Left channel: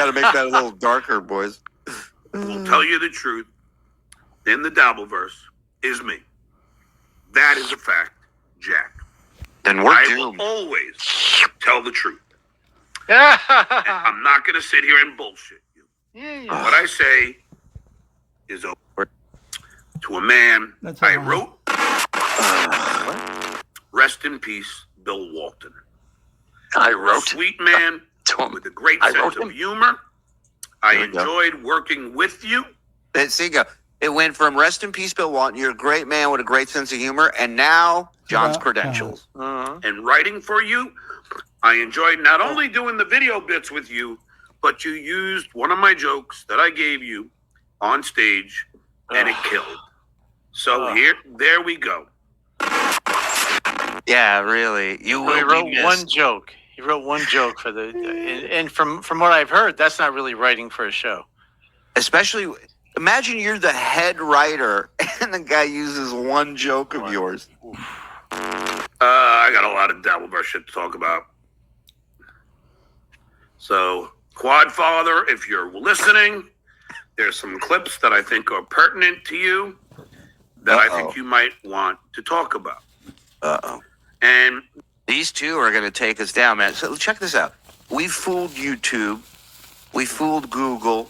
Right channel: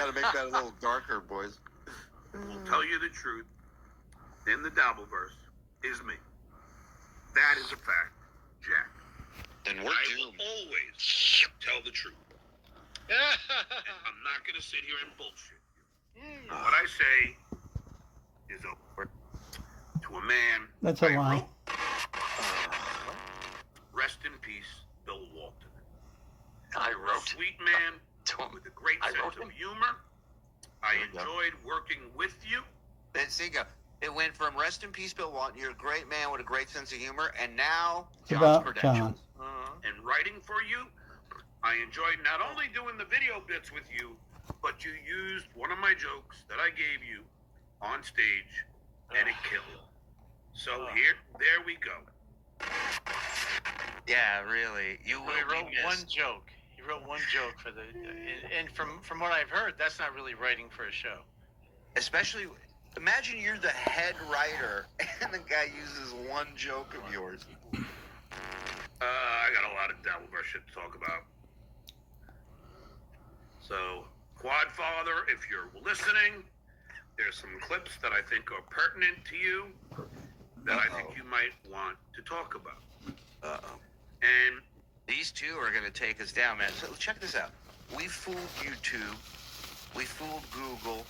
got to make that a little darker, boys. Will tell you the truth in the Dabbleverse is me. That is a fact, Jack. Then we're I doomed. will always tell the truth. I'm not going to sit here and bullshit you. Yeah. What I say is over. To a man That's I a lie. wrote, rest in peace, Bill Walton. I A wrote sweet man to him. with a great I sense wrote of him. humor. I There we go. enjoyed working with you. There you go. It went from rest in peace, Bill Walton. You're a great man with a great sense of humor, and now John's About credentials. And writing for you. I enjoyed not only doing the video bits with you, but you used one of my jokes that I gave you on stage, and it killed. So there we go. Yeah, really. You will He be wrote missed. one joke. He wrote one joke for the, and from what I've heard, that's not really writing for a show. Especially, imagine you're the head writer, and the guy uses one joke of yours. I got a lot of Dabbleverse shit to talk about. So, Quadfather, if you're listening, there's some clips that I think are pertinent to you that I think you might want to talk about. Uh-oh. And These two are going to take us down, man. So check this out. We fooled YouTube. We fooled Google.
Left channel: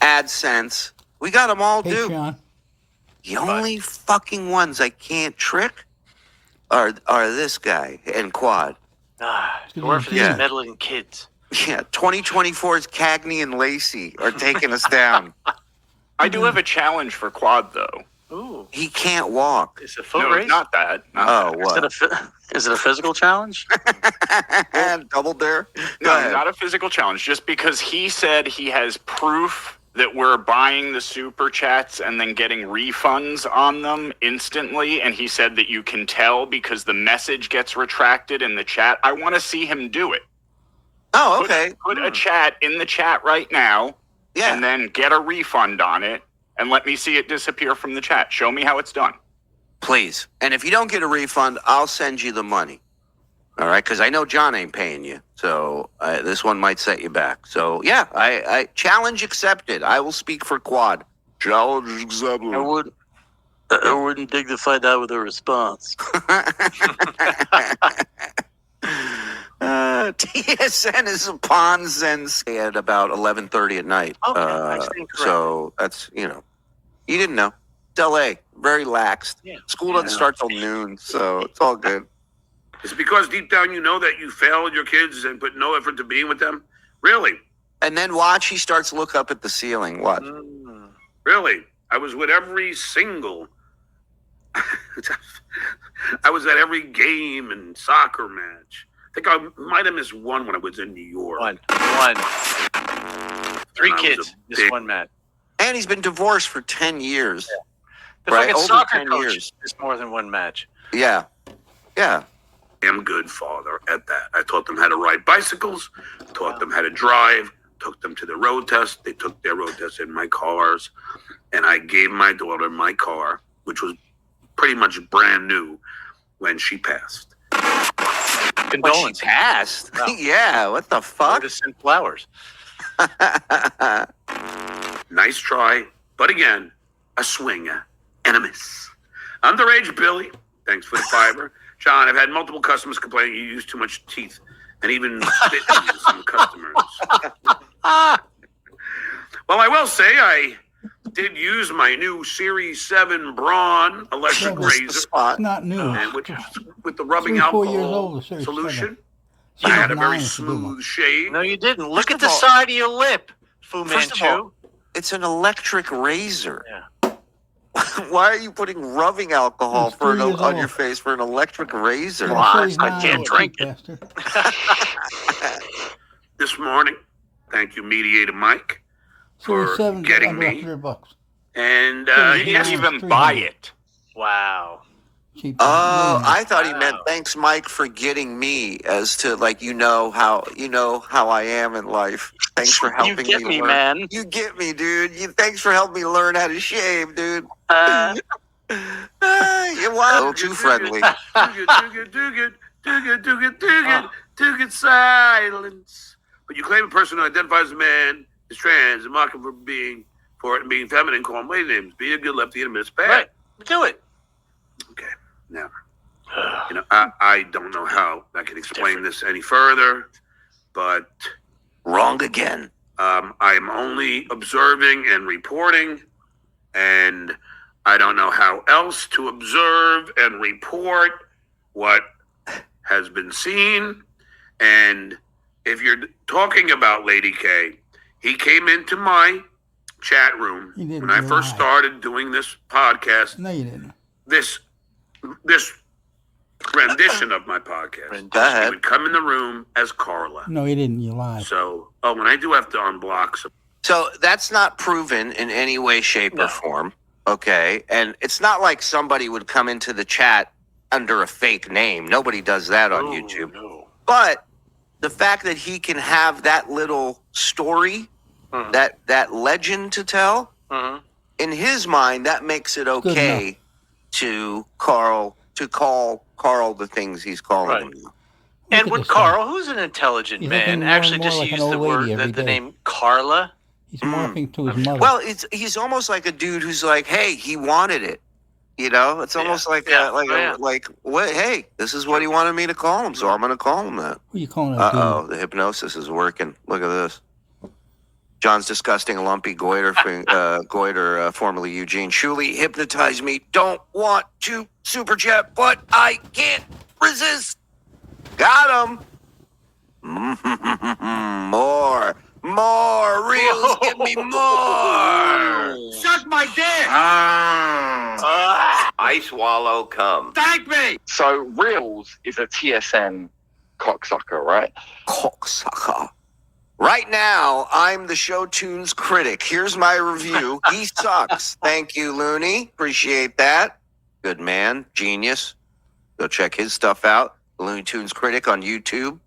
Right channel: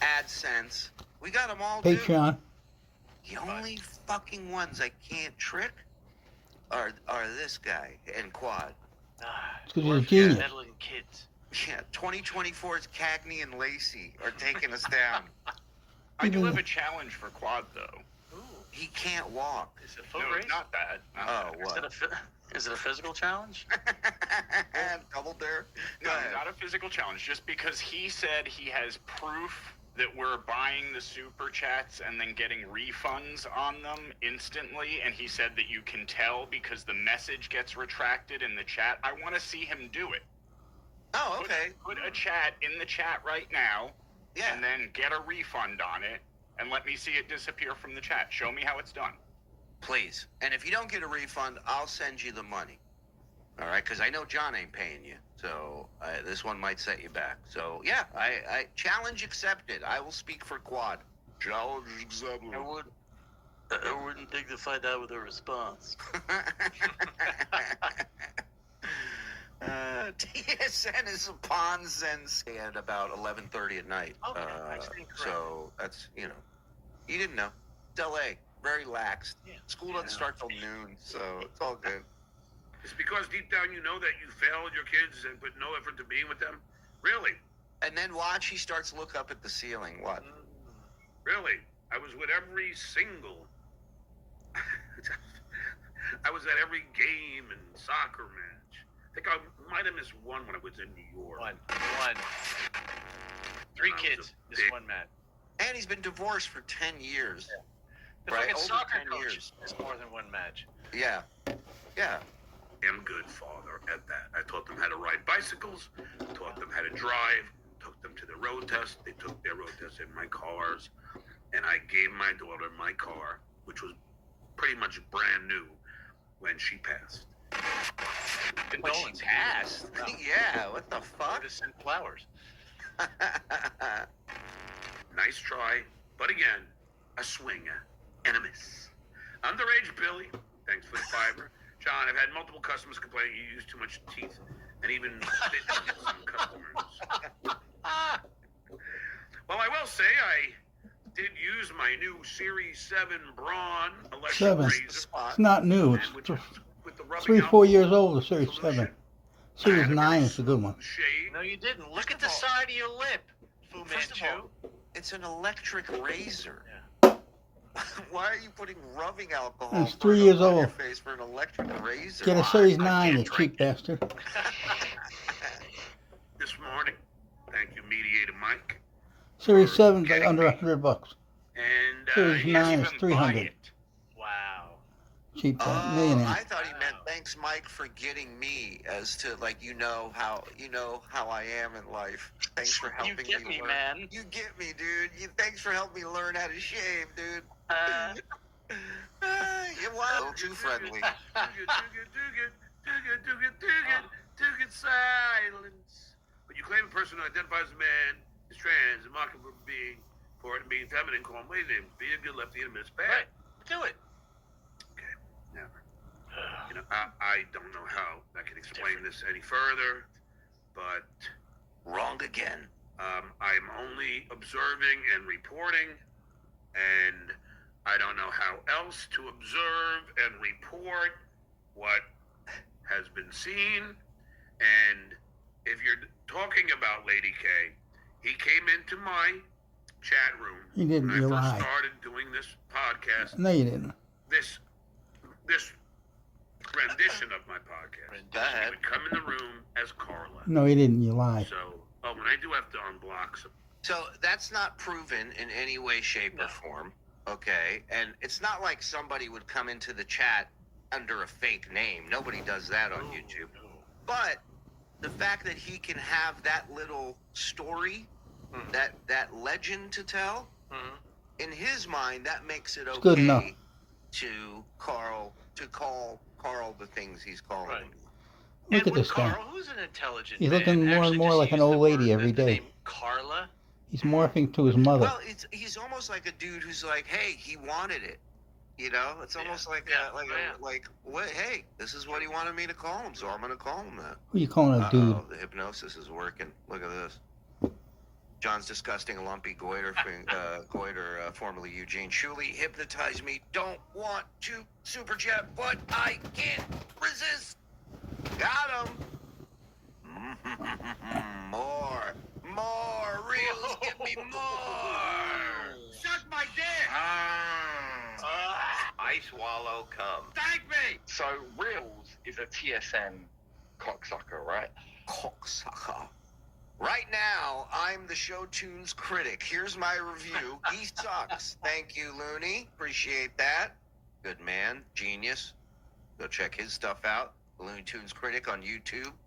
AdSense. We got them all, dude. Patreon. The only fucking ones I can't trick are this guy and Quad. It's 'cause Or he's for a genius. these meddling kids. Yeah, 2024's Cagney and Lacey are taking us down. I do have a challenge for Quad, though. Ooh, He can't walk. it's a foot No, race. not that. Oh, Is it what? is it a physical challenge? Double dare? Go No, ahead. not a physical challenge. Just because he said he has proof that we're buying the super chats and then getting refunds on them instantly, and he said that you can tell because the message gets retracted in the chat. I want to see him do it. Oh, okay. Put a chat in the chat right now, Yeah. and then get a refund on it, and let me see it disappear from the chat. Show me how it's done. Please. And if you don't get a refund, I'll send you the money. All right? Because I know John ain't paying you. So this one might set you back. So, yeah, I challenge accepted. I will speak for Quad. Challenge accepted. I wouldn't dig to find out with a response. TSN is upon Zen's at about 11:30 at night. Okay, I stand corrected. So that's, you didn't know. It's LA, very laxed. Yeah. School doesn't start till noon, so it's all good. it's because deep down you know that you failed your kids and put no effort to being with them. Really? And then watch, he starts to look up at the ceiling. What? Really? I was with every single... I was at every game and soccer match. I think I might have missed one when I was in New York. One. And 3 I was kids. a Just big- one man. And he's been divorced for 10 years. The Right, fucking over soccer 10 coach years. is more than one match. Yeah. Yeah. Damn good father at that. I taught them how to ride bicycles, taught them how to drive, took them to the road test. They took their road test in my cars, and I gave my daughter my car, which was pretty much brand new when she passed. When she Condolences. passed. Wow. Yeah, what the Or fuck? to send flowers. Nice try, but again, a swinger and a miss. Underage Billy, thanks for the fiber. John, I've had multiple customers complaining you use too much teeth and even spit in some customers. Well, I will say I did use my new Series 7 Braun electric Seven. razor, Spot. It's not new. and which is with the rubbing 3-4 years alcohol old, the Series solution. 7. I had Series a 9 very is a good one. smooth shave. No, you didn't. Look First at the of all- side of your lip, Fu First of Manchu. all, it's an electric razor. Yeah. Why are you putting rubbing alcohol It's 3 years on your old. face for an electric razor? Get a Series I 9, can't you drink cheap bastard. This morning, thank you, Mediator Mike. Series for 7 getting under me. $100. And Series He yeah, didn't Nine even is buy 300. it. Wow. Cheap. Oh, millionaire. I thought he meant Wow. thanks, Mike, for getting me as to how I am in life. Thanks for You helping get me, learn. man. You get me, dude. Thanks for helping me learn how to shave, dude. You're a little too friendly. too good silence. but you claim a person who identifies as a man is trans and mock him for being feminine, call him lady names. Be a good lefty and admit it's bad. Right. Do it. Okay. Now, I don't know how I can explain this any further, but Wrong again. I'm only observing and reporting, and I don't know how else to observe and report what has been seen. And if you're talking about Lady K, he came into my chat room He didn't, when I you first lied. started doing this podcast. No, you didn't. This rendition of my podcast. Go ahead. He would come in the room as Carla. No, you didn't. You lied. So, and I do have to unblock some. So that's not proven in any way, shape, or form. Okay. And it's not like somebody would come into the chat under a fake name. Nobody does that on YouTube. No. But the fact that he can have that little story, that legend to tell, in his mind, that makes it enough. okay to call Carl the things he's calling Right. him now. Look And at when this guy. Carl, who's an intelligent He's looking man, more actually and more just like an used the old lady word, every the day. name Carla. He's morphing to his mother. Well, he's almost like a dude who's like, hey, he wanted it. It's almost like what? Hey, this is what he wanted me to call him, so I'm going to call him that. Who you calling a dude? The hypnosis is working. Look at this. John's disgusting lumpy goiter, formerly Eugene Shuley, hypnotized me. Don't want to super chat, but I can't resist. Got him. More reels. Give me more. Suck my dick! I swallow cum. Thank me! So Reels is a TSN cocksucker, right? Cocksucker. Right now, I'm the show tunes critic. Here's my review. He sucks. Thank you, Looney. Appreciate that. Good man. Genius. Go check his stuff out. Looney Tunes critic on YouTube.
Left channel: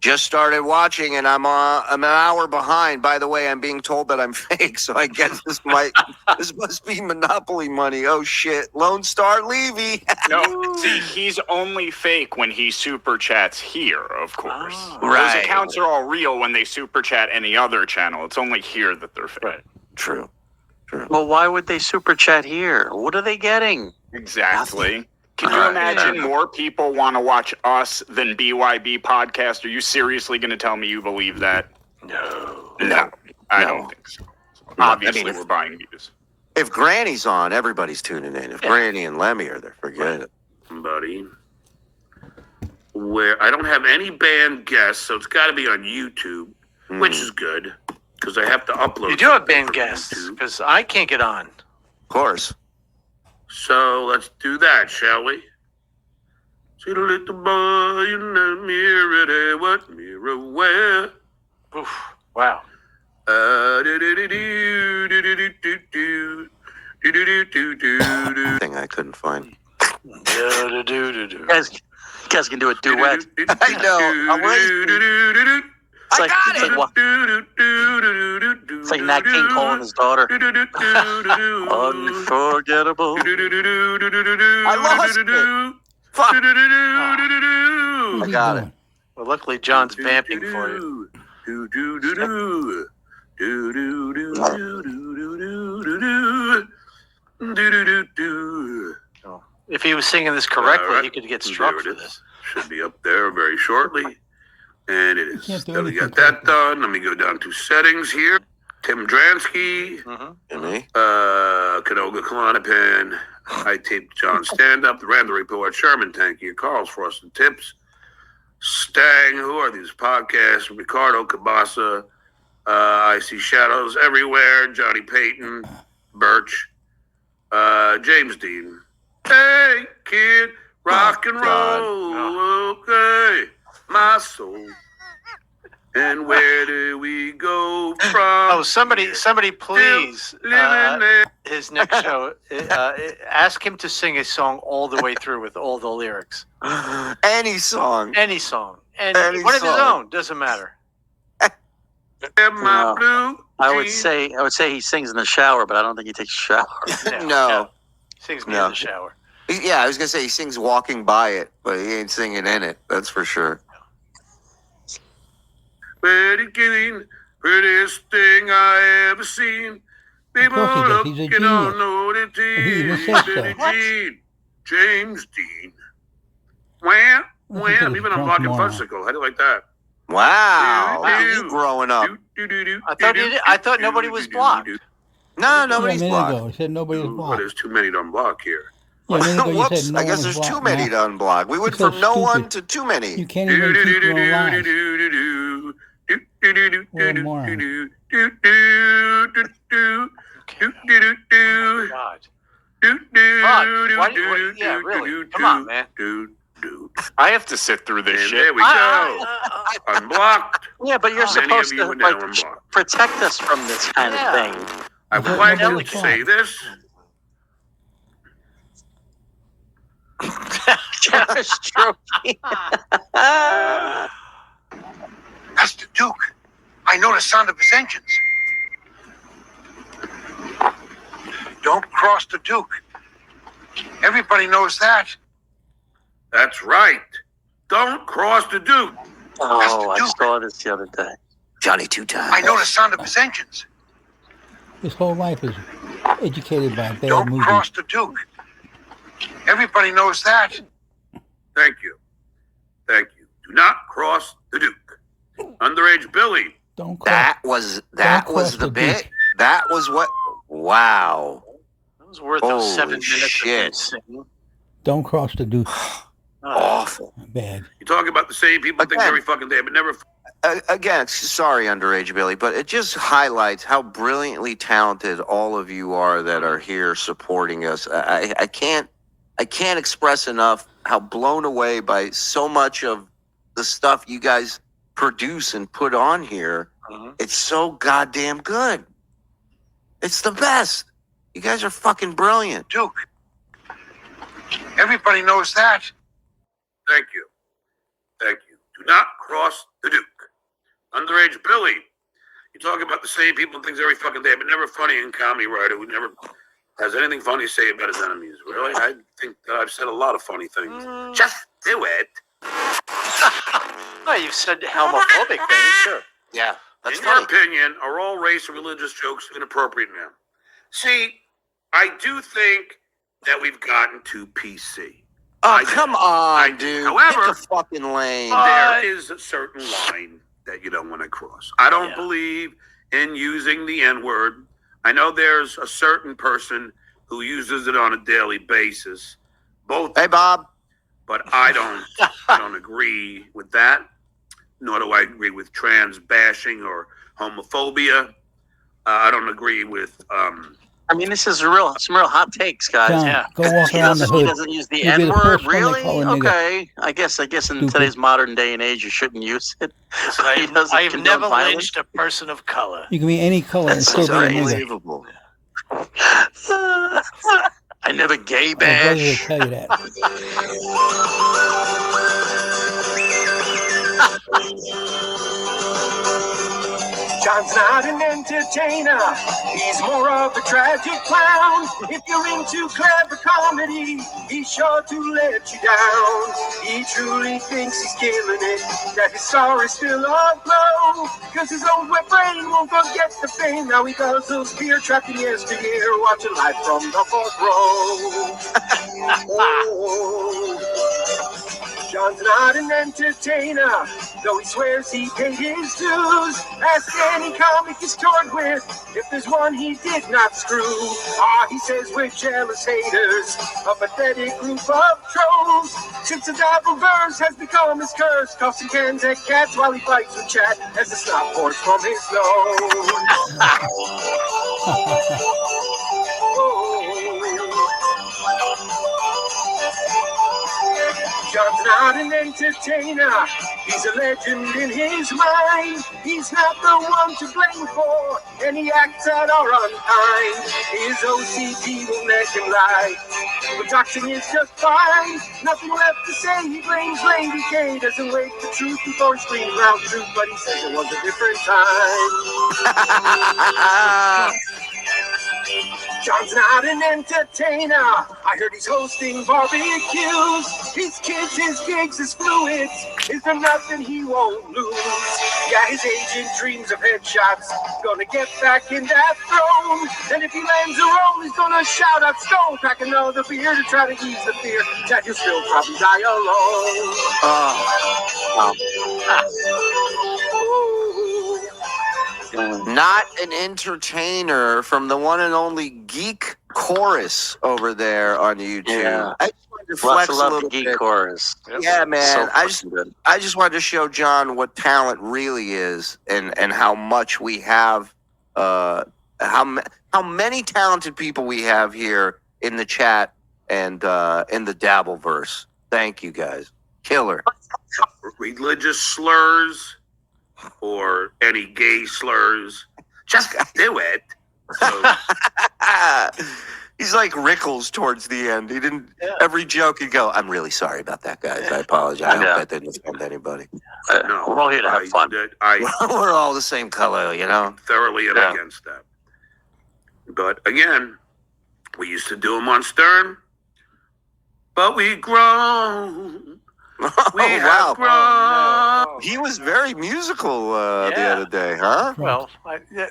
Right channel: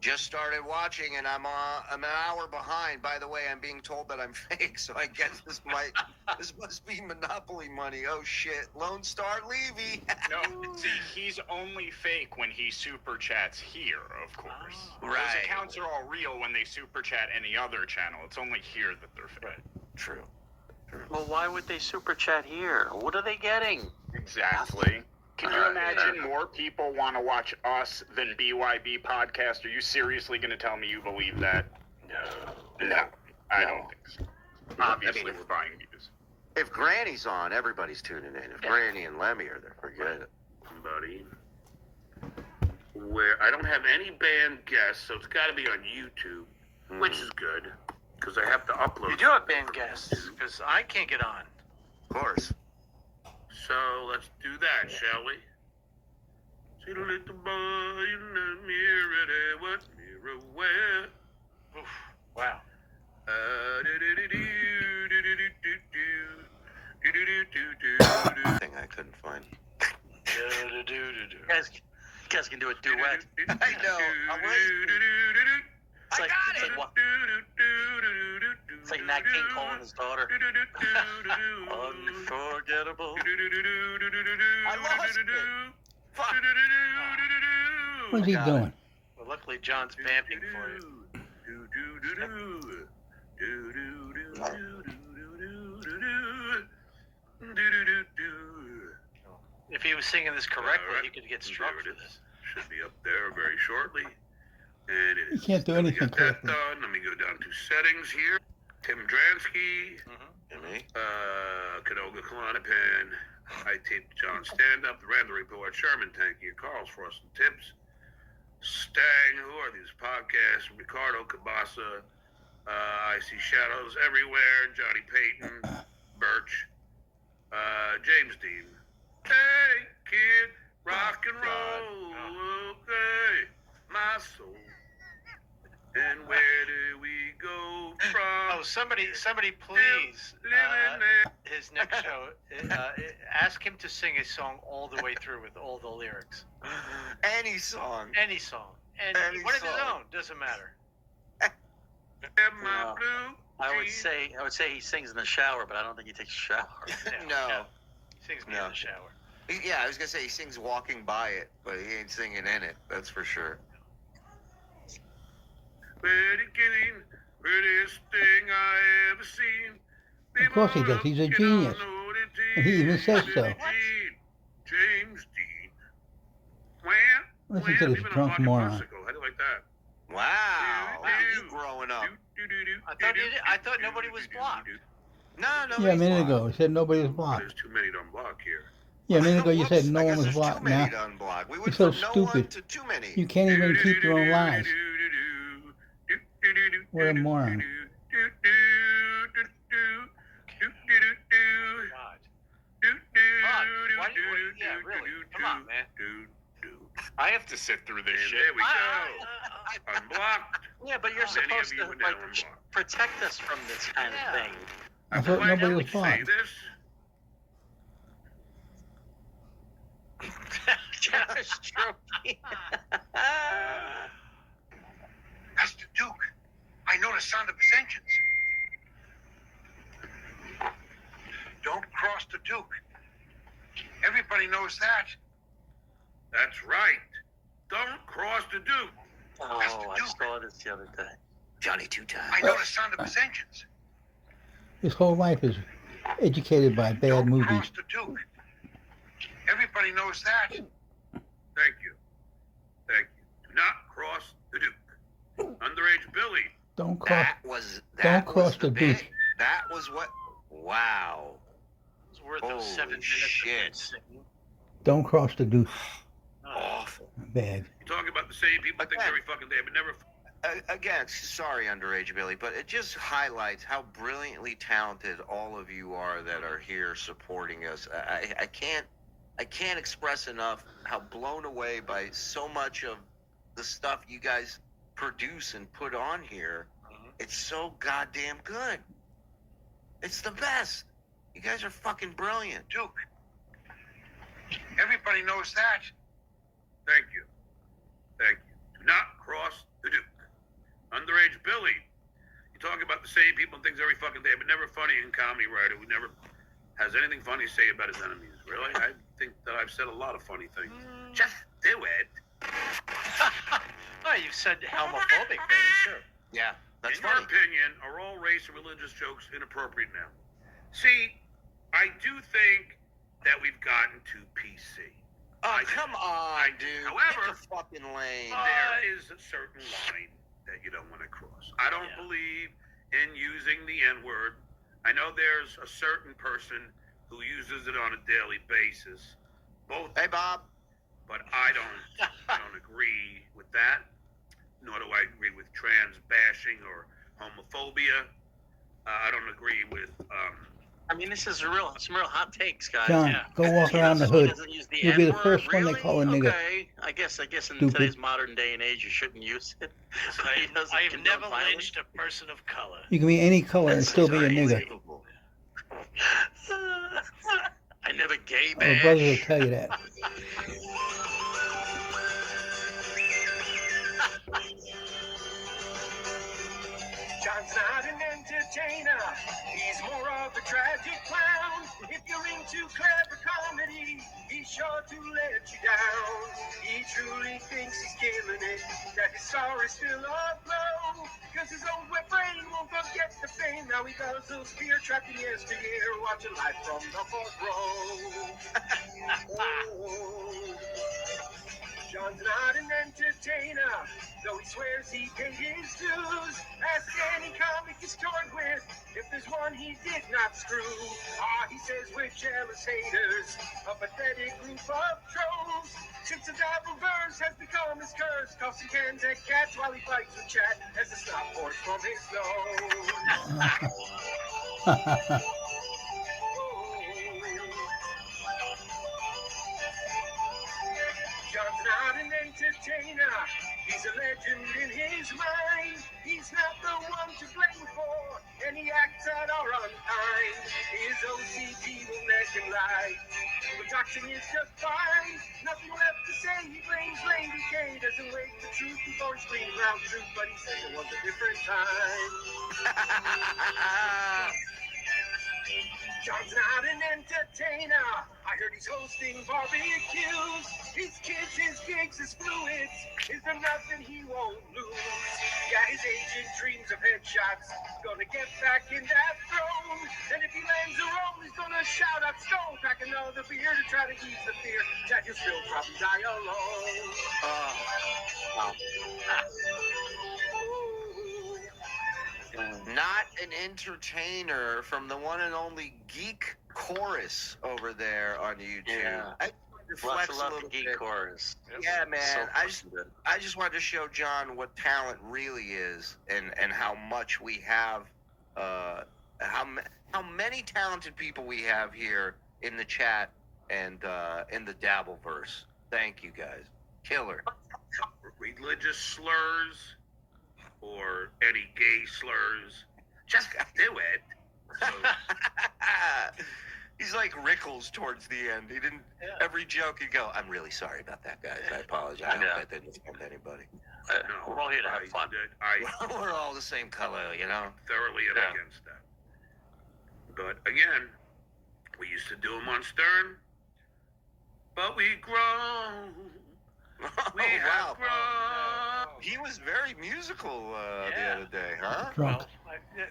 Just started watching, and I'm an hour behind. By the way, I'm being told that I'm fake, so I guess this must be Monopoly money. Oh shit, Lone Star Levy. No, see, he's only fake when he super chats here, of course. Right. Those accounts are all real when they super chat any other channel. It's only here that they're fake. Right. True. Well, why would they super chat here? What are they getting? Exactly. Can you Right. imagine more people want to watch us than BYB podcast? Are you seriously going to tell me you believe that? No, I don't think so. Obviously, we're buying views. If Granny's on, everybody's tuning in. If Granny and Lemmy are there, forget it. Buddy, where I don't have any banned guests, so it's got to be on YouTube, which is good because I have to upload. You do have something band for guests, YouTube. because I can't get on. Of course. So let's do that, shall we? See the little boy in the mirror there, what mirror where? Oof. Wow. Thing I couldn't find. You guys can do a duet. I know. I'm waiting. It's like, got it's like, what? It's like Nat King calling his daughter. Unforgettable. I lost it. Fuck. Who's he got it. doing? Well, luckily John's vamping for you. If he was singing this correctly, Alright. he could get struck There for it is. this. Should be up there very shortly. And it is. can't do Then we anything got that correctly. done. Let me go down to settings here. Tim Dransky, And me? Canoga Klonopin. I taped John Stand Up, the Randall Report, Sherman Tanky, Carl's Frosted Tips, Stang, who are these podcasts? Ricardo Cabasa, I See Shadows Everywhere, Johnny Payton, Birch, James Dean. Hey, kid, rock and roll, okay, my soul. And where do we go from? Oh, somebody, please, living there. his next show, ask him to sing a song all the way through with all the lyrics. Any song. Any song. Any One of his song. own, doesn't matter. And my No. blue I would jeans. say he sings in the shower, but I don't think he takes a shower. No. Sings me No. in the shower. Yeah, I was going to say he sings walking by it, but he ain't singing in it. That's for sure. Betty Keane, prettiest thing I ever seen. People course he does. He's a looking all genius. nudity. And he even says so. Betty Jean, James Dean. Wham, Listen to wham, this even a drunk fucking moron. fussicle. How do you like that? Wow. Look at you growing up. I thought nobody was blocked. No, Yeah, a nobody's minute blocked. ago, he said nobody was Well, blocked. there's too many to unblock here. Yeah, a minute ago you Whoops, said no I one guess was there's blocked. too many Now, to unblock. We went so from no one stupid. to too many. you can't even keep your own lies. What a moron. Oh, God. Yeah, really. Come on, man. I have to sit through this And shit. there we go. Unblocked. Yeah, but you're Many supposed of you to are now like unblocked. protect us from this kind of thing. I thought would like nobody to was say blocked. this. Josh Trophy. That's the Duke. I know the sound of his engines. Don't cross the Duke. Everybody knows that. That's right. Don't cross the Duke. Oh, I saw this the other day. Johnny two times. I know the sound of his engines. His whole life is educated by bad Don't movies. cross the Duke. Everybody knows that. Thank you. Thank you. Do not cross the Duke. Underage Billy. Don't cross. That was cross the the bit. Duke. That was what. Wow. It was worth those Holy 7 minutes. shit. Of singing. Don't cross the Duke. Awful. Bad. You talk about the same people think Again. every fucking day, but never. Again, sorry, underage Billy, but it just highlights how brilliantly talented all of you are that are here supporting us. I can't express enough how blown away by so much of the stuff you guys produce and put on here. Mhm. It's so goddamn good. It's the best. You guys are fucking brilliant. Duke. Everybody knows that. Thank you. Thank you. Do not cross the Duke. Underage Billy. You talk about the same people and things every fucking day, but never funny in comedy writer who never has anything funny to say about his enemies. Really? I think that I've said a lot of funny things. Just do it. Oh, you've said homophobic things, sure. Yeah, that's In funny. your opinion, are all race or religious jokes inappropriate now? See, I do think that we've gotten too PC. Oh, I- come I on, do. dude. However- Pick a fucking lane. There is a certain line that you don't want to cross. I don't Yeah. believe in using the N-word. I know there's a certain person who uses it on a daily basis. Both, Hey, Bob. but I don't agree with that. Nor do I agree with trans bashing or homophobia. I don't agree with I mean, this is some real hot takes, guys. John, yeah. go walk He around the doesn't, he hood. doesn't use the You'll be the N-word, first one they really? call a nigger. Okay. I guess in Stupid. today's modern day and age, you shouldn't use it. He doesn't I've condone never violence. lynched a person of color. You can be any color and That's still be a crazy. nigger. Unbelievable. I never gay My brother will bash. tell you that. John's not an entertainer, he's more of a tragic clown. If you're into clever comedy, he's sure to let you down. He truly thinks he's killing it, that his star is still aglow. Cause his old wet brain won't forget the fame. Now he does those beer trapping yesteryear, watching live from the fourth row. Oh. John's not an entertainer, though he swears he paid his dues. Ask any comic he's toured with if there's one he did not screw. He says we're jealous haters, a pathetic group of trolls. Since the double verse has become his curse, tossing cans at cats while he fights with chat as the snot pours from his nose. John's not an entertainer, he's a legend in his mind. He's not the one to blame for any acts that are unkind. His OCD will make him lie, but doxing is just fine. Nothing left to say, he blames Lady K. Doesn't wait for truth before he screams loud truth, but he says it was a different time. John's not an entertainer. I heard he's hosting barbecues. His kids, his gigs, his fluids. Is there nothing he won't lose? Yeah, his agent dreams of headshots. Gonna get back in that throne. And if he lands a role, he's gonna shout out Stone. Crack another beer to try to ease the fear that he'll still probably die alone. Not an entertainer from the one and only Geek Chorus over there on YouTube. Yeah. I just wanted to Lots flex of a love little to Geek bit. Chorus. Yeah, man. So I just fucking good. I just wanted to show John what talent really is, and how much we have, how many talented people we have here in the chat and in the Dabbleverse. Thank you guys, killer. Religious slurs or any gay slurs, just do it. So, He's like Rickles towards the end. He didn't. Every joke he'd go, "I'm really sorry about that, guys. I apologize. I hope that didn't offend anybody." no, We're all here to have fun. We're all the same color, you know. Thoroughly am Yeah. against that. But again, we used to do them on Stern, but we grown. We have grown. Oh, He was very musical the Yeah. other day, huh? well,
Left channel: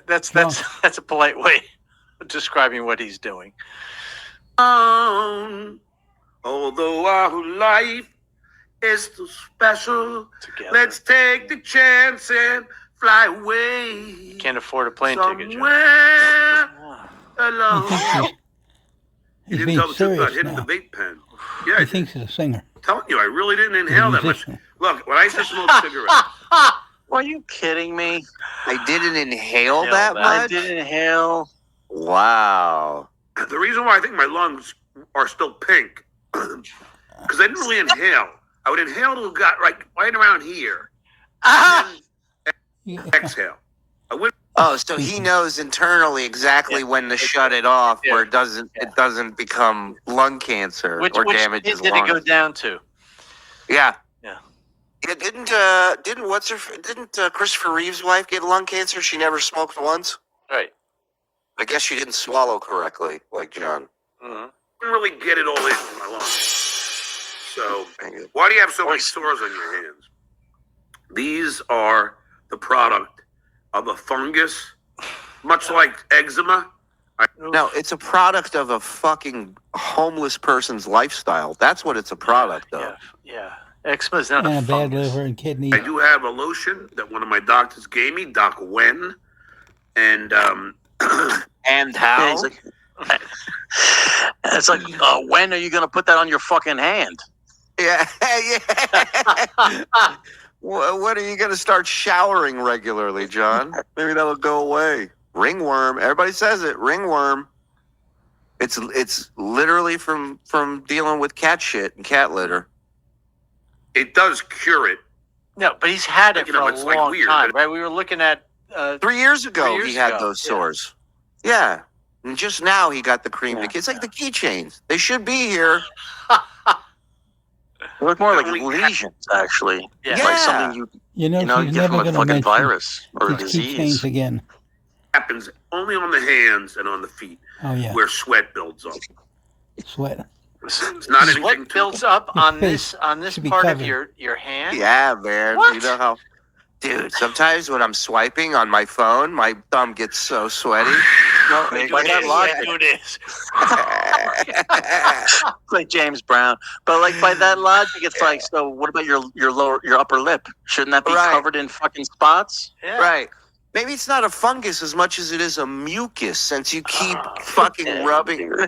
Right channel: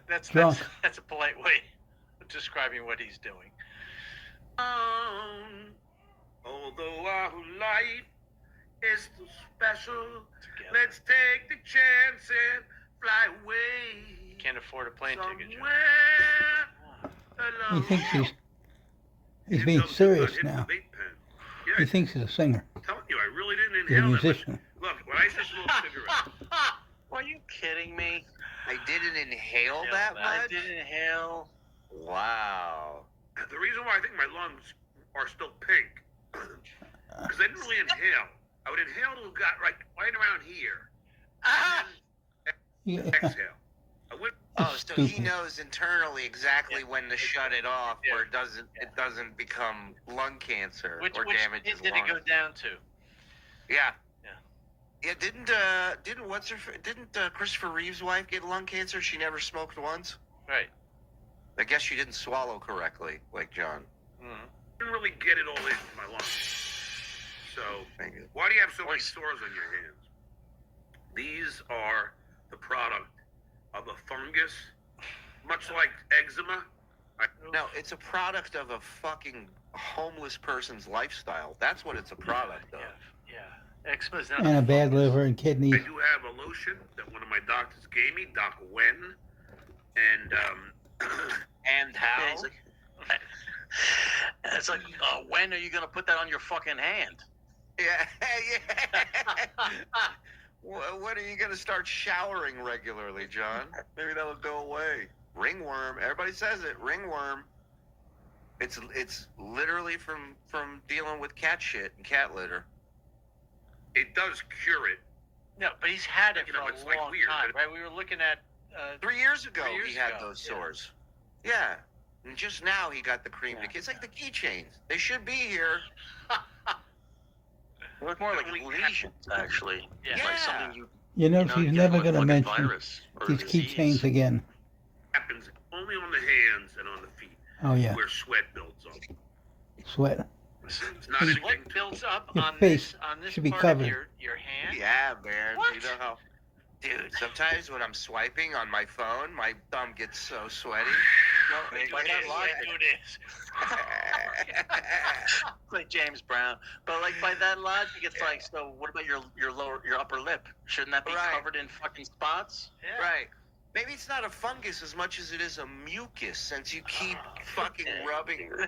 that's a polite way of describing what he's doing. Although our life is too special, Together. let's take the chance and fly away. Can't afford a plane ticket, John. Somewhere alone. He thinks he's You being didn't tell the truth about serious hitting now. the vape pen. Yeah, He thinks he's a singer. I'm telling you, I really didn't He's a inhale that much. musician. Look, when I used to smoke cigarettes, Are you kidding me? I didn't inhale Inhale that that. I much. did inhale. Wow. the reason why I think my lungs are still pink, because I didn't really inhale. I would inhale till it got right around here, and Yeah. then exhale. I would. Oh, so he knows internally exactly when to shut it off, where it doesn't become lung cancer Which or kid damage his did it go lungs. down to? Yeah. Yeah. Yeah, didn't Christopher Reeve's wife get lung cancer? She never smoked once. Right. I guess she didn't swallow correctly, like John. Mm-hmm. Didn't really get it all in my lungs. So why do you have so many sores on your hands? These are the product of a fungus, much like eczema. No, it's a product of a fucking homeless person's lifestyle. That's what it's a product of. Yeah. Eczema is not And a a bad fungus. liver and kidney. I do have a lotion that one of my doctors gave me, Doc Wen, and And Yeah, how? it's like, when are you going to put that on your fucking hand? Yeah, yeah. When are you going to start showering regularly, John? Maybe that'll go away. Ringworm. Everybody says it. Ringworm. It's literally from dealing with cat shit and cat litter. it does cure it. No, but he's had it You for know, a it's like long weird, time, but- right? We were looking at 3 years ago, 3 years he had ago, those yeah. sores. Yeah. And just now he got the cream. Yeah. It's like the keychains. They should be here. They look more like Only- lesions, actually. Yeah. It's like Yeah. something you You know, know, you she's get never from a going to fucking mention virus or a these keychains disease. again. Happens only on the hands and on the feet Oh, yeah. where sweat builds up. Sweat. It's not anything what too builds up Your on face this should be part of covered. your hand. Yeah, man. What? You know how, dude, sometimes when I'm swiping on my phone, my thumb gets so sweaty. No, By do that this, logic. do this. like James Brown. But like by that logic, it's like, so what about your upper lip? Shouldn't that be Right. covered in fucking spots? Yeah. Right. Maybe it's not a fungus as much as it is a mucus, since you keep fucking Yeah. rubbing.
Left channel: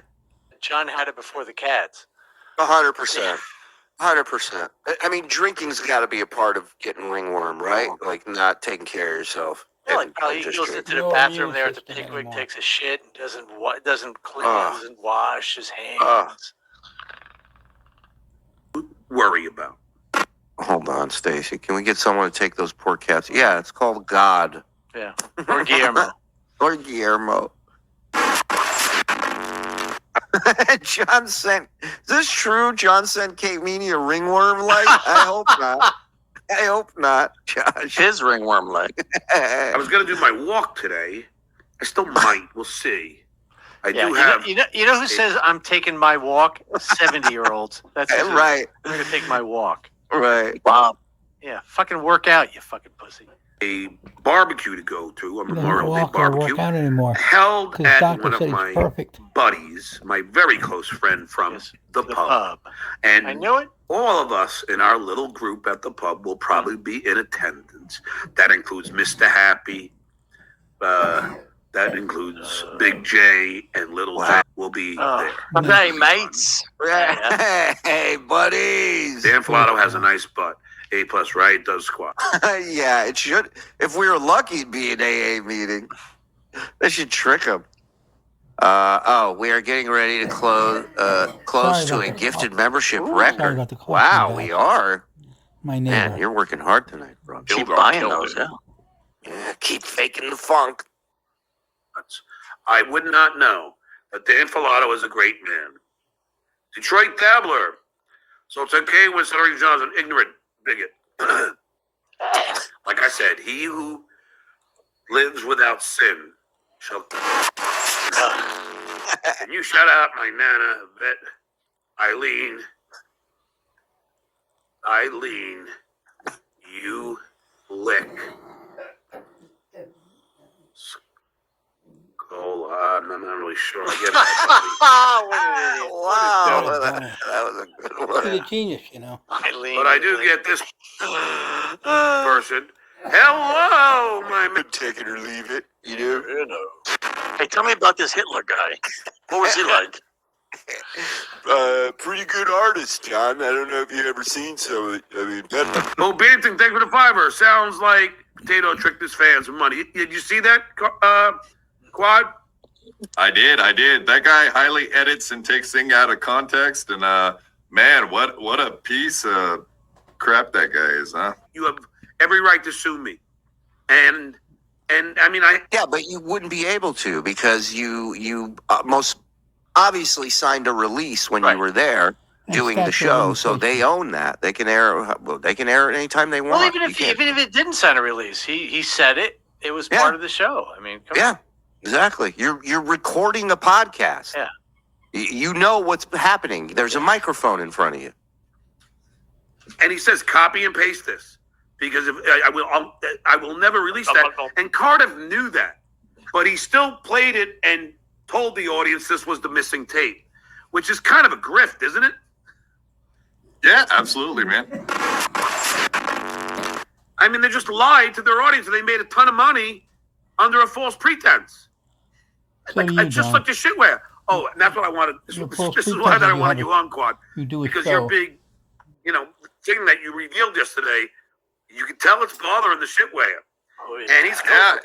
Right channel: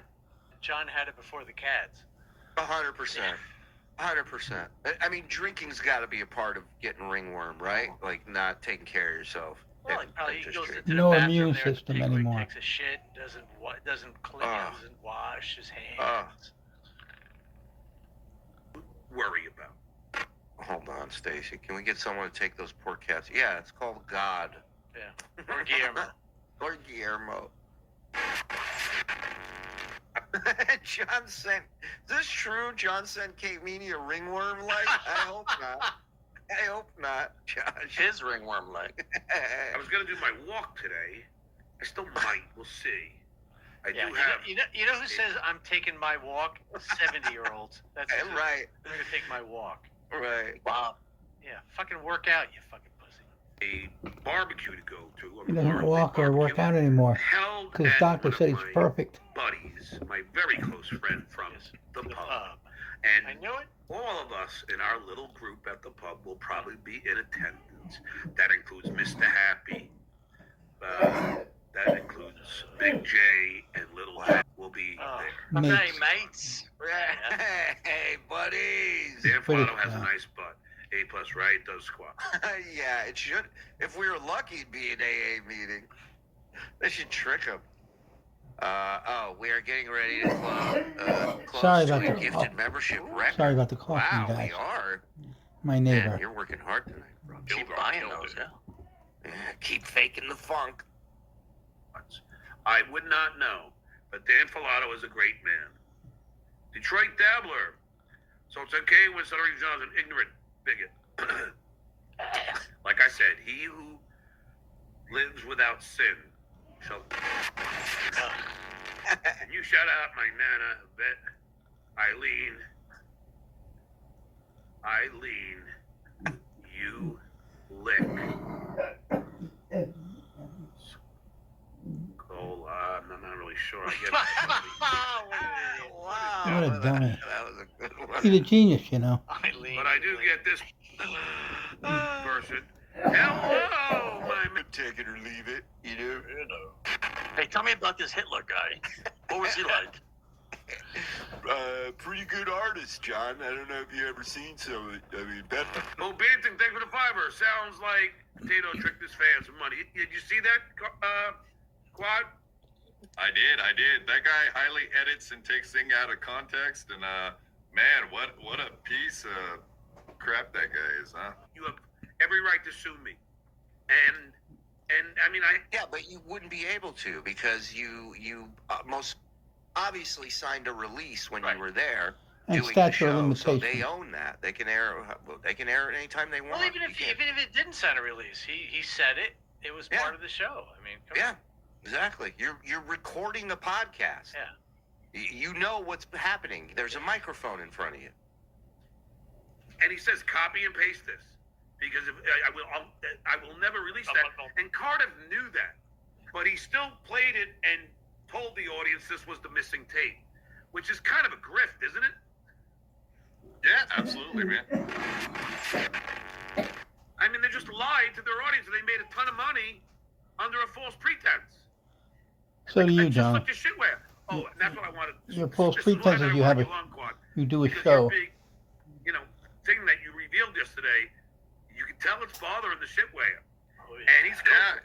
John had it before the cats. 100%. 100%. I mean, drinking's got to be a part of getting ringworm, right? Like not taking care of yourself. Well, and- probably and he just goes drink. into the No bathroom immune there at the system Pickwick, anymore. takes a shit, and doesn't clean, doesn't wash his hands. worry about. Hold on, Stacy. Can we get someone to take those poor cats? Yeah, it's called God. Yeah. Or Guillermo. Or Guillermo. John sent. Is this true? John sent Kate Meany a ringworm leg? I hope not. I hope not, Josh. His ringworm leg. I was going to do my walk today. I still might. We'll see. I Yeah, do have. you know who says I'm taking my walk? 70-year-olds. That's who says, Right. I'm gonna take my walk. Right. Wow. Yeah, fucking work out, you fucking pussy. A barbecue to go to, a He doesn't Memorial Day walk or barbecue, work out anymore. held Because his at doctor one of said he's my perfect. buddies, my very close friend from Yes, the pub. I And knew it. all of us in our little group at the pub will probably be in attendance. That includes Mr. Happy. That includes Big J and Little J will be there. Okay, mates. Hey, buddies. Dan Filato has a nice butt. A plus, right? Does squat. Yeah, it should. If we were lucky, it'd be an AA meeting. They should trick him. We are getting ready to close Sorry to about a the gifted cough. membership Sorry record. about the cough, Wow, my we bad. are. My neighbor. Man, you're working hard tonight, bro. Keep Killed buying it. those, yeah. Yeah, keep faking the funk. I would not know that Dan Filato is a great man. Detroit Dabbler. So it's okay when Stuttering John's an ignorant bigot. Like I said, he who lives without sin shall. Can you shout out my Nana, Vet, Eileen, you lick. I'm not really sure. I get that. Wow, What a that dummy. was a good He's a one. genius, you know. Eileen. But I do get this person. Hello, my Take it or leave it, you know. Hey, tell me about this Hitler guy. What was he like? Pretty good artist, John. I don't know if you ever seen some of it. I mean, Oh, Bennington, thank you for the fiver. Sounds like Potato tricked his fans with money. Did you see that, Quad? I did. That guy highly edits and takes things out of context, and man, what a piece of crap that guy is, huh? You have every right to sue me. And I mean, yeah, but you wouldn't be able to because you most obviously signed a release when Right. you were there And doing the statute of show, so they limitations. own that. They can air. They can air it anytime they want. Well, even You if can't- it didn't sign a release, he said it. It was Yeah. part of the show. I mean, come yeah, on. exactly. You're recording a podcast. Yeah. You know what's happening. There's a microphone in front of you. and he says copy and paste this because if I will never release that. And Cardiff knew that, but he still played it and told the audience this was the missing tape, which is kind of a grift, isn't it? Yeah, absolutely, man. I mean, they just lied to their audience and they made a ton of money under a false pretense. So do you, It's just John. such a shitware. Oh, and that's what I wanted. This, Your this, false this is why pretense that I is you wanted have you on, Quad. You do a Because your show. big, thing that you revealed yesterday, you can tell it's bothering the shitware. Oh, yeah. And he's Yeah,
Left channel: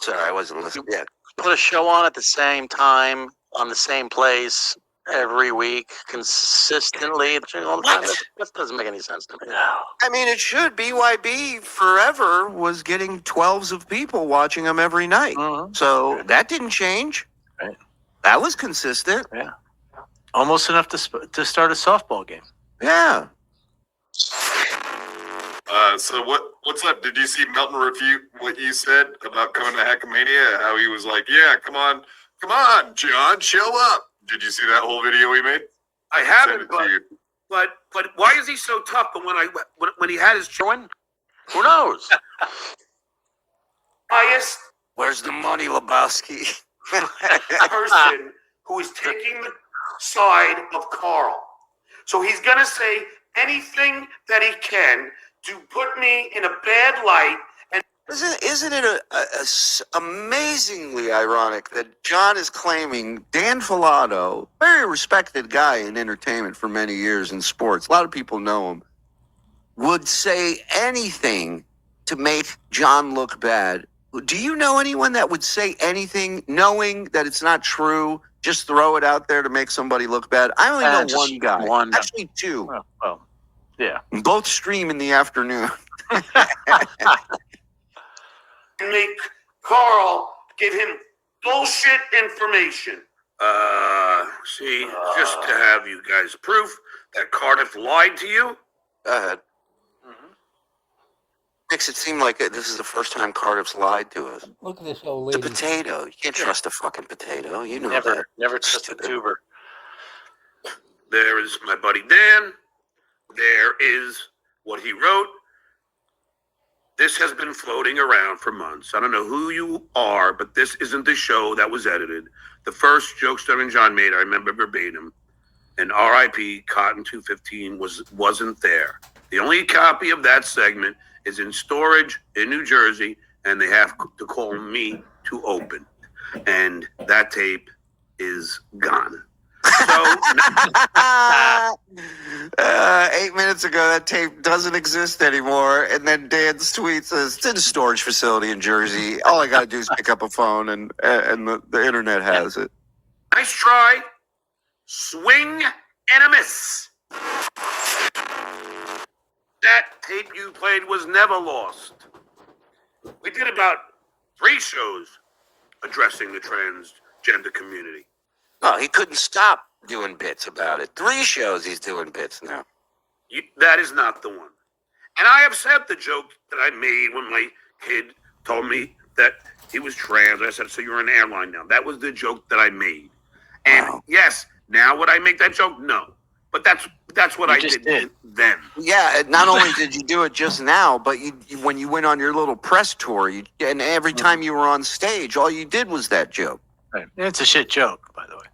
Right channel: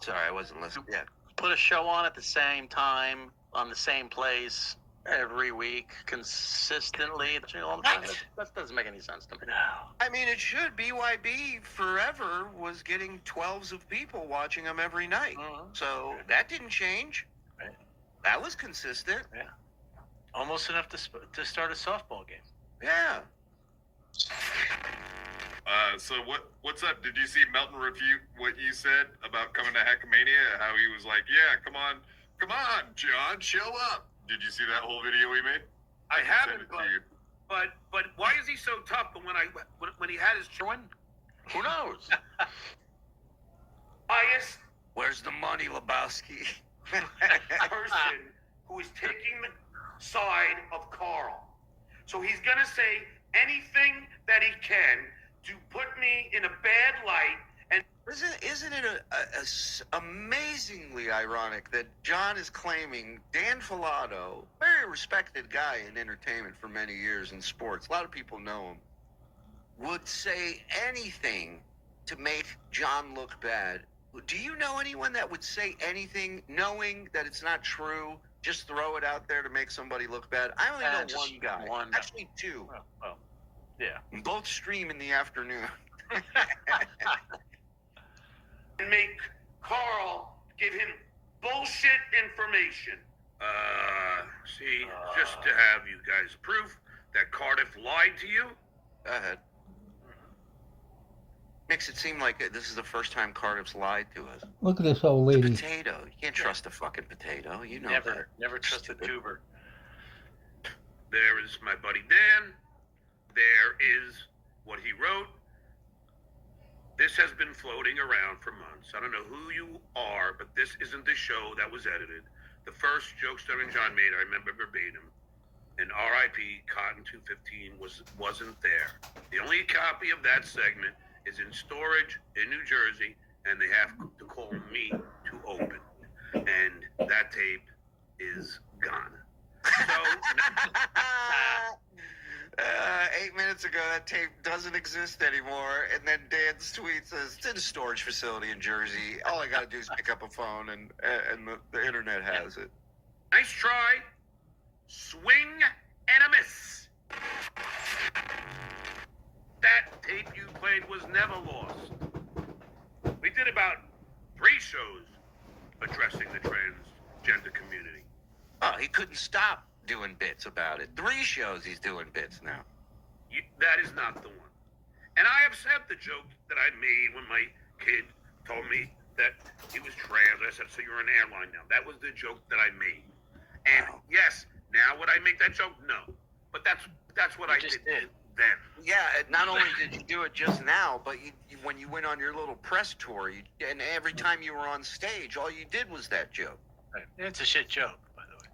Sorry, I wasn't listening yet. Put a show on at the same time, on the same place, every week, consistently. All the time. That doesn't make any sense to me. I mean, it should. BYB forever was getting 12s of people watching them every night. Mhm. So that didn't change. Right. That was consistent. Almost enough to start a softball game. Yeah. So what's up? Did you see Melton refute what you said about coming to Hackamania? How he was like, "Yeah, come on, John, show up." Did you see that whole video we made? I Send haven't, it to you. but why is he so tough? But when he had his Win? Who knows? highest Where's the money, Lebowski? person who is taking the side of Carl, so he's gonna say anything that he can to put me in a bad light. And Isn't it amazingly ironic that John is claiming Dan Filato, very respected guy in entertainment for many years in sports, a lot of people know him, would say anything to make John look bad. Do you know anyone that would say anything knowing that it's not true, just throw it out there to make somebody look bad? I only know Just one guy. one. Actually, two. Well, yeah. Both stream in the afternoon. make Carl give him bullshit information. See, just to have you guys proof that Cardiff lied to you. Go ahead. makes it seem like this is the first time Cardiff's lied to us. Look at this old It's a lady. potato. You can't trust a fucking potato. You know Never, that. never trust a tuber. There is my buddy Dan. There is what he wrote. This has been floating around for months. I don't know who you are, but this isn't the show that was edited. The first joke Stuttering John made, I remember verbatim. And R.I.P. Cotton 215 wasn't there. The only copy of that segment is in storage in New Jersey, and they have to call me to open. And that tape is gone. So 8 minutes ago, that tape doesn't exist anymore. And then Dan's tweet says, it's in a storage facility in Jersey. All I got to do is pick up a phone, and the internet has it. nice try. Swing and a miss. That tape you played was never lost. We did about 3 shows addressing the transgender community. Oh, he couldn't stop doing bits about it. 3 shows he's doing bits now. That is not the one. And I upset the joke that I made when my kid told me that he was trans. I said, so you're an airline now. That was the joke that I made. And Wow. yes, now would I make that joke? No. But that's what I did then. Yeah, not only did you do it just now, but when you went on your little press tour, and every time you were on stage, all you did was that joke. Right. It's a shit joke, by the way.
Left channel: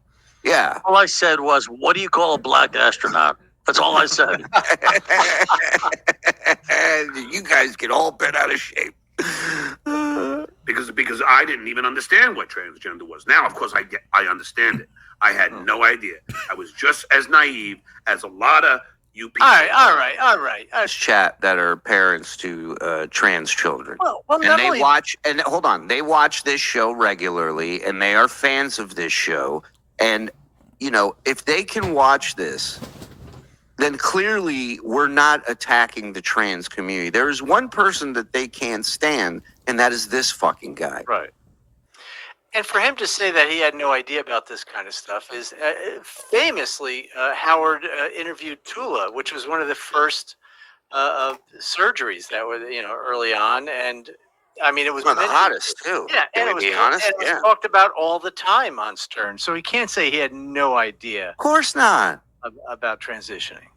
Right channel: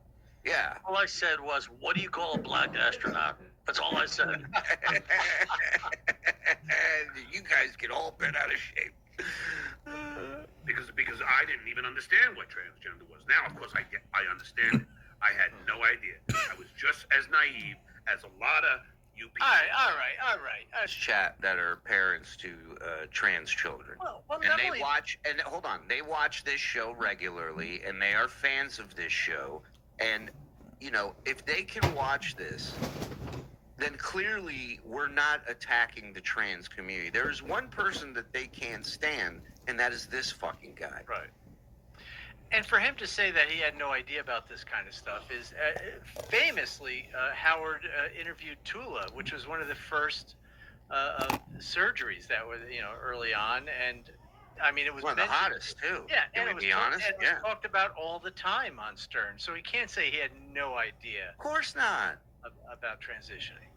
Yeah. All I said was, what do you call a black astronaut? That's all I said. You guys get all bent out of shape. Because I didn't even understand what transgender was. Now, of course, I understand it. I had no idea. I was just as naive as a lot of you people. All right. Chat that are parents to trans children. Well, And not they only, watch, and hold on, they watch this show regularly, and they are fans of this show. And, if they can watch this, then clearly we're not attacking the trans community. There is one person that they can't stand, and that is this fucking guy. right. And for him to say that he had no idea about this kind of stuff is famously Howard interviewed Tula, which was one of the first surgeries that were early on, and I mean it was One of the mentioned- hottest, too. Yeah, Can and we it was, be honest? and it was Yeah. talked about all the time on Stern, so he can't say he had no idea Of course not. about transitioning.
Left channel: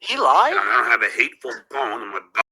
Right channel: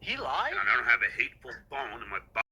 He lied. I don't have a hateful bone in my